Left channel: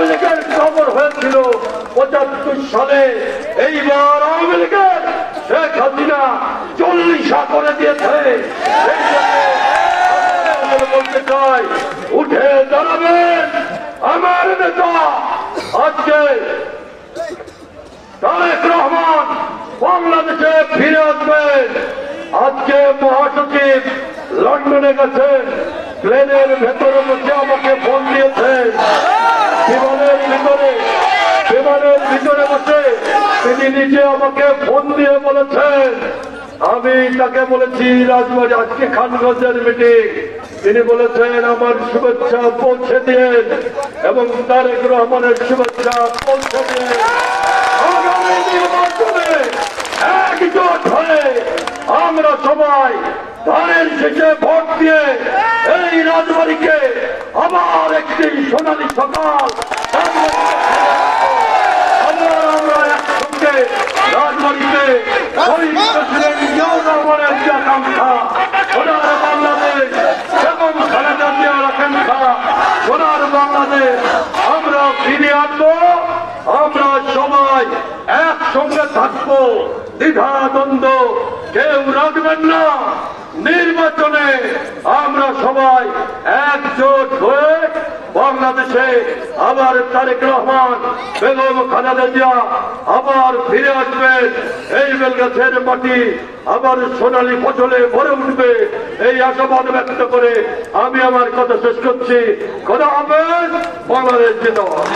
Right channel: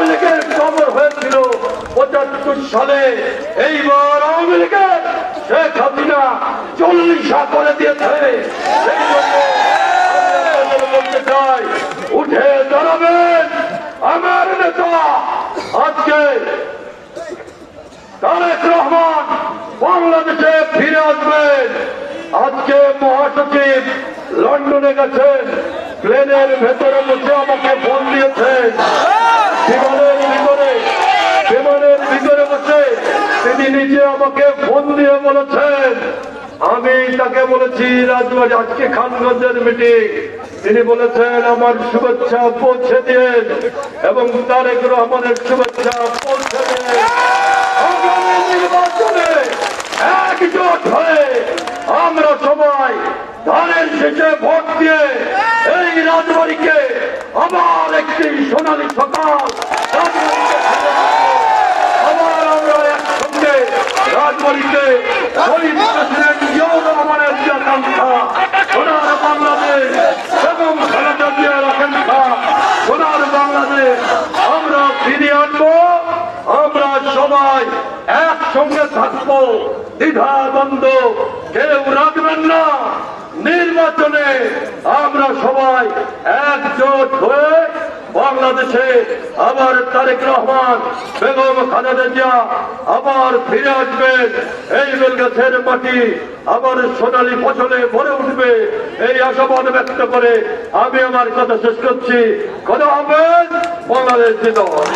আওয়ামী লীগের খবর হয়েছিল ৭৫ সালে, এইবার আওয়ামী লীগের শেখ হাসিনা ৪০ করে দিয়েছে। এই জন্য বলতে চাই, উঠে দাঁড়াবেন আমার নেতা। আজকে তারেক রহমান বাংলাদেশে ফিরে আসবেন। আজকে মহাসচিব লন্ডনে গেছেন, প্লেনের ভেতরে বসে আমাকে ফোন দিয়েছেন। বিমানের ভিতরে বসে তিনি নিজে আমাকে ফোন দিয়ে বলেছেন, আমি তাকে বলেছি রাজবাড়ি আজকে খানগঞ্জের মিটিং, তিনি বলেছেন আমার শুভেচ্ছা পৌঁছে দিন এবং তারেক রহমানের শুভেচ্ছা পৌঁছে দিন। আগামী নির্বাচনে একজোট হয়ে আমরা সবাই ধানের শেষে ভোট দিয়ে এই রাজবাড়িকে আবার একটি সোনালী সকাল রাজবাড়িতে ফিরে আসবো। আবার আমরা একসঙ্গে রাজবাড়িতে শহীদ প্রেসিডেন্ট জিয়াউর রহমানের যে আকাঙ্ক্ষা, সোনার বাংলাদেশ এবং খালেদা জিয়ার আকাঙ্ক্ষা সোনার বাংলাদেশ আমরা ফিরিয়ে আনবো। আমরা সবাই একসঙ্গে থাকবো, দ্বিধা দ্বন্দ্ব কেউ রাখবেন না। নির্বাচনে আমরা সবাই একজোট হয়ে বাংলাদেশে আবার তারেক রহমান, বেগম খালেদা জিয়া আবার ফিরে আসবেন। এই বেলগাছের মাটি আবার সোনালী ফসলে ভরে উঠবে, এই আশাবাদ ব্যক্ত করে আমি আমার কথা শেষ করছি। খোদা হাফেজ। বাংলাদেশ জিন্দাবাদ।